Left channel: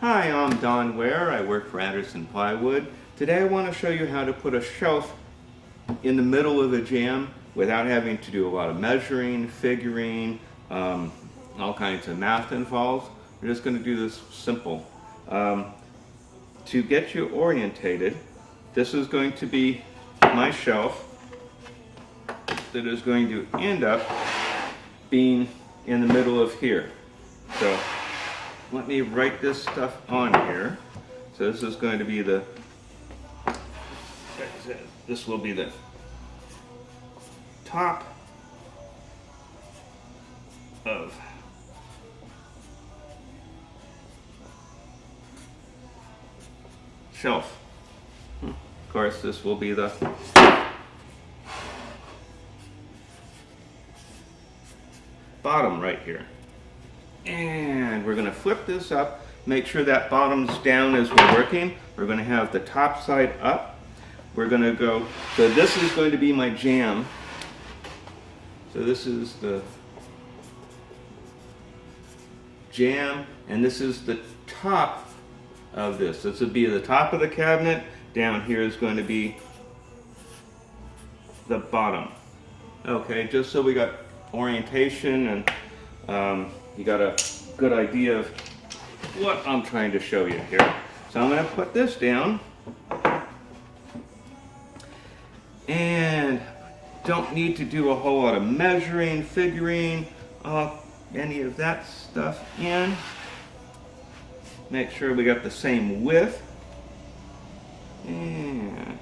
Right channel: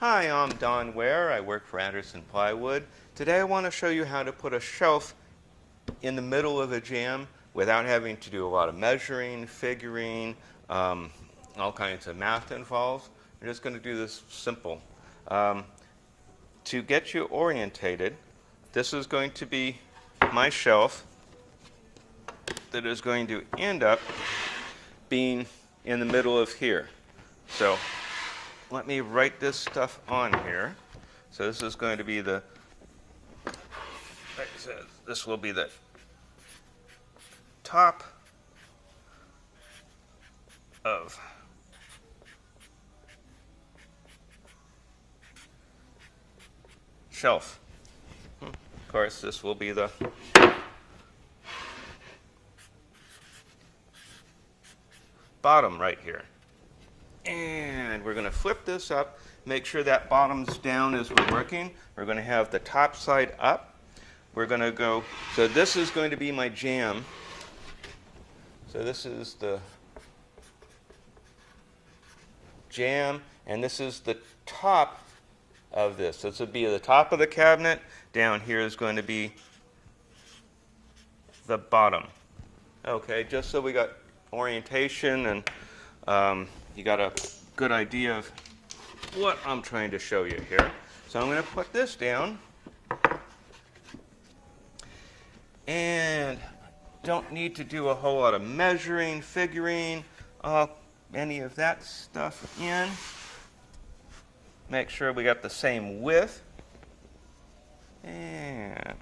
Hi, I'm Ware. I work for Plywood. Today I want to show you how to put a shelf in the middle of a jam without having to do a lot of measuring, figuring, all kinds of math involved. We're just going to do this simple. To get you orientated, this is going to be my shelf that is going to end up being in the middle of here. So let me write this stuff on here. So this is going to be the, this will be the top of shelf. Of course, this will be the bottom right here. And we're going to flip this up, make sure that bottom's down as we're working. We're going to have the top side up. We're going to go, so this is going to be my jam. So this is the jam, and this is the top of this. This would be the top of the cabinet. Down here is going to be the bottom. Okay, just so we got orientation and you got a good idea of what I'm trying to show you here. So I'm going to put this down, and don't need to do a whole lot of measuring, figuring, any of that stuff in. Make sure we got the same width, and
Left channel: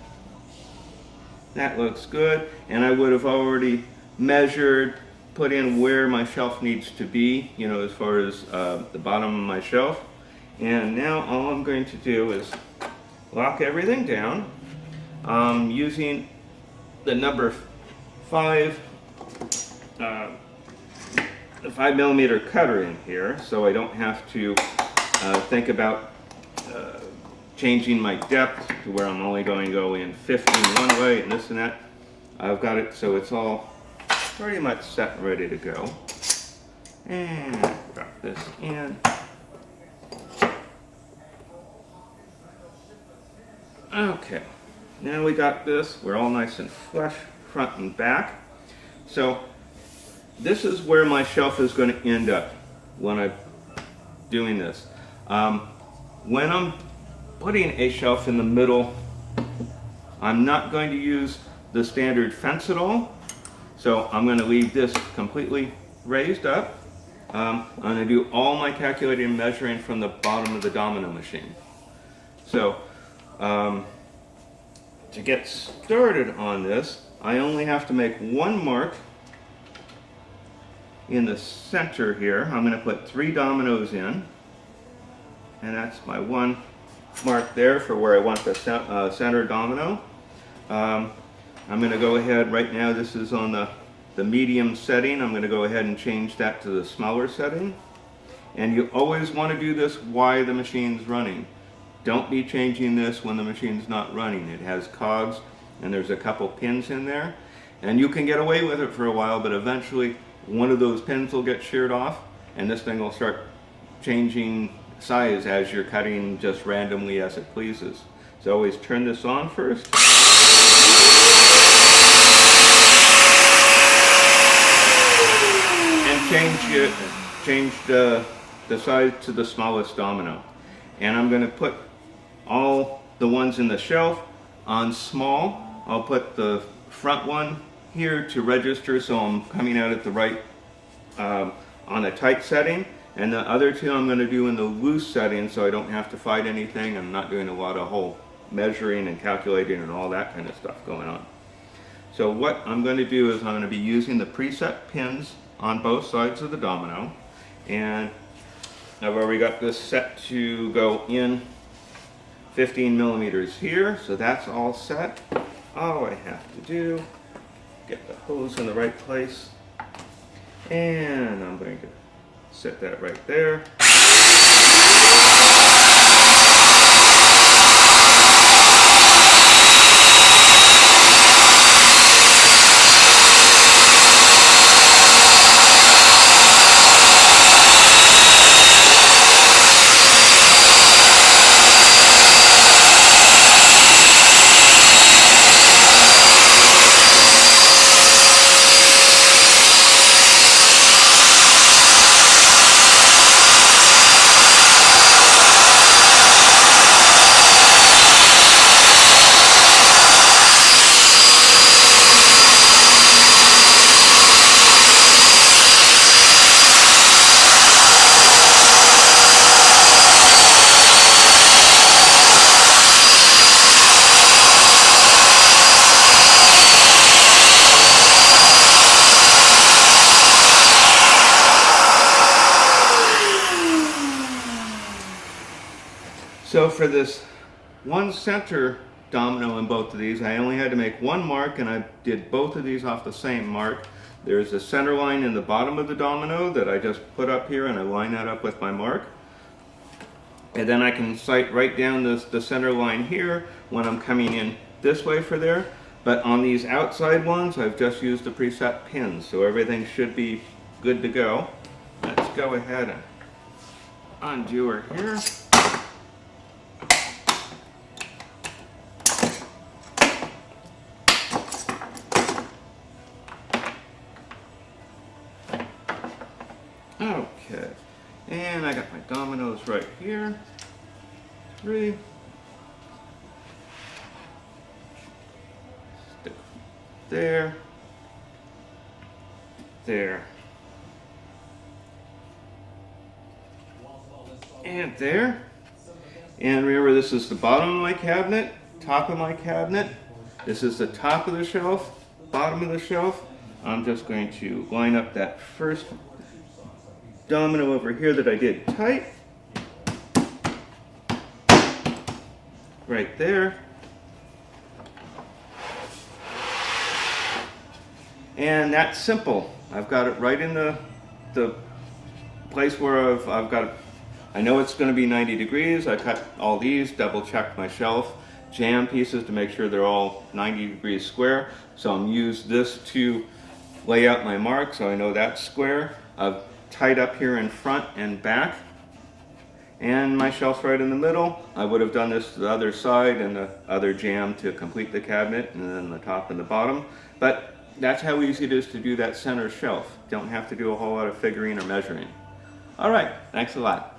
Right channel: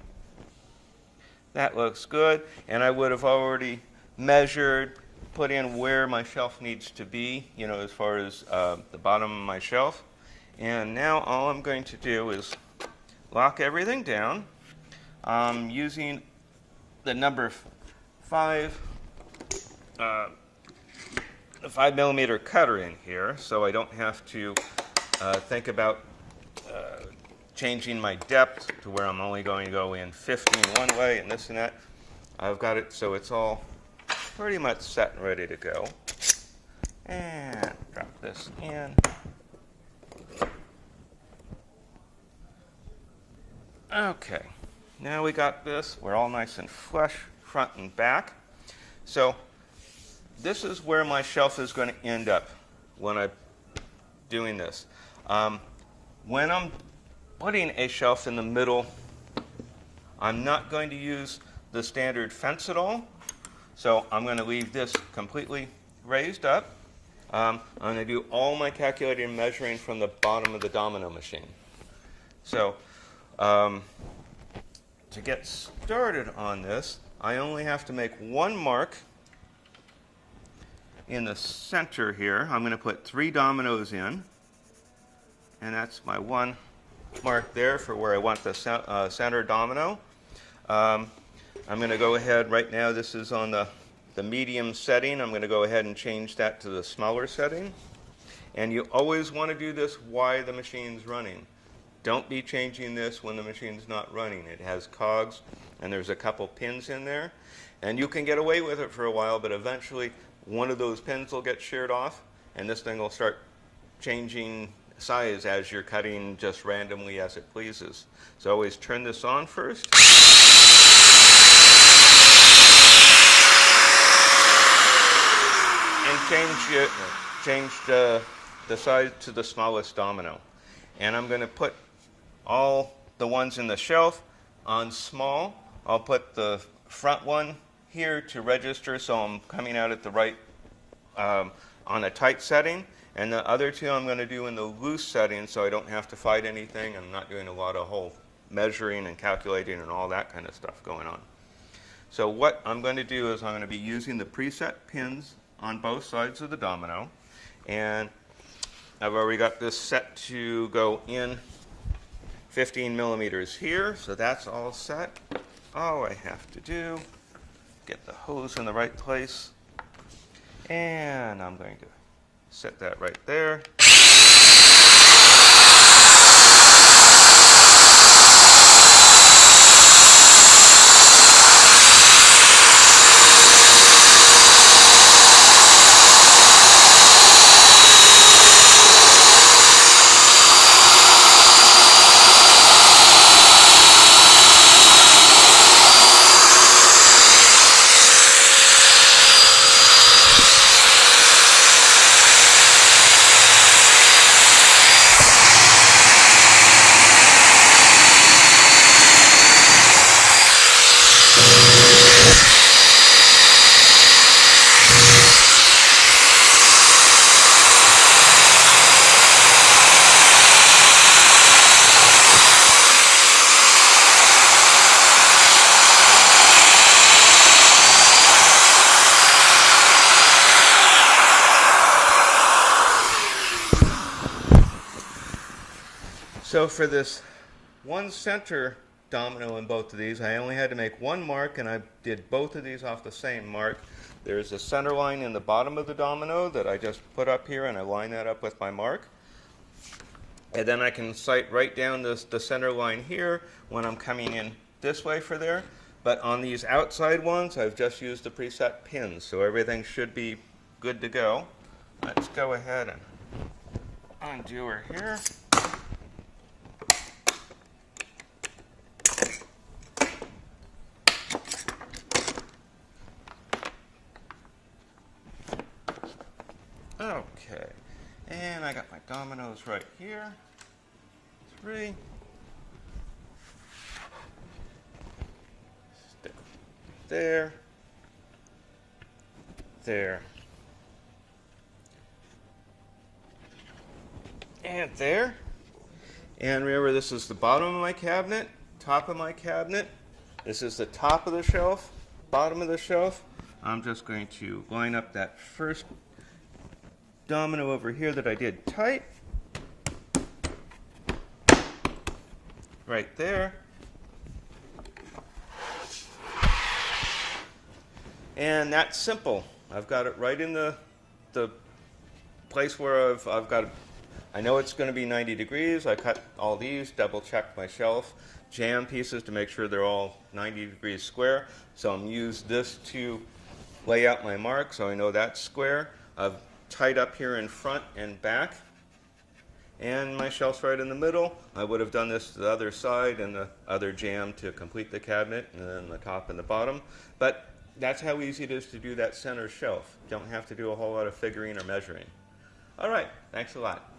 that looks good. And I would have already measured, put in where my shelf needs to be, you know, as far as the bottom of my shelf. And now all I'm going to do is lock everything down using the number 5, the 5mm cutter in here, so I don't have to think about changing my depth to where I'm only going to go in 15 one way and this and that. I've got it so it's all pretty much set and ready to go. And drop this in. Okay, now we got this. We're all nice and flush front and back. So this is where my shelf is going to end up when I'm doing this. When I'm putting a shelf in the middle, I'm not going to use the standard fence at all. So I'm going to leave this completely raised up. I'm going to do all my calculating and measuring from the bottom of the Domino machine. So to get started on this, I only have to make one mark in the center here. I'm going to put 3 dominoes in, and that's my one mark there for where I want the center domino. I'm going to go ahead right now, this is on the medium setting. I'm going to go ahead and change that to the smaller setting. And you always want to do this while the machine's running. Don't be changing this when the machine's not running. It has cogs and there's a couple pins in there. And you can get away with it for a while, but eventually one of those pins will get sheared off and this thing will start changing size as you're cutting just randomly as it pleases. So always turn this on first. Change the size to the smallest domino. And I'm going to put all the ones in the shelf on small. I'll put the front one here to register so I'm coming out at the right, on a tight setting. And the other 2 I'm going to do in the loose setting so I don't have to fight anything. I'm not doing a lot of whole measuring and calculating and all that kind of stuff going on. So what I'm going to do is I'm going to be using the preset pins on both sides of the domino, and I've already got this set to go in 15mm here, so that's all set. All I have to do, get the hose in the right place, and I'm going to set that right there. So for this one center domino on both of these, I only had to make one mark, and I did both of these off the same mark. There's a center line in the bottom of the domino that I just put up here, and I line that up with my mark. And then I can sight right down the center line here when I'm coming in this way for there. But on these outside ones, I've just used the preset pins, so everything should be good to go. Let's go ahead and undo her here. Okay, and I got my dominoes right here. 3. Stick there. There. And there. And remember, this is the bottom of my cabinet, top of my cabinet. This is the top of the shelf, bottom of the shelf. I'm just going to line up that first domino over here that I did tight. Right there. And that's simple. I've got it right in the place where I've got it. I know it's going to be 90 degrees. I cut all these, double checked my shelf, jam pieces to make sure they're all 90 degrees square. So I'm used this to lay out my mark so I know that's square. I've tied up here in front and back, and my shelf's right in the middle. I would have done this to the other side and the other jam to complete the cabinet, and then the top and the bottom. But that's how easy it is to do that center shelf. Don't have to do a whole lot of figuring or measuring. All right, thanks a lot.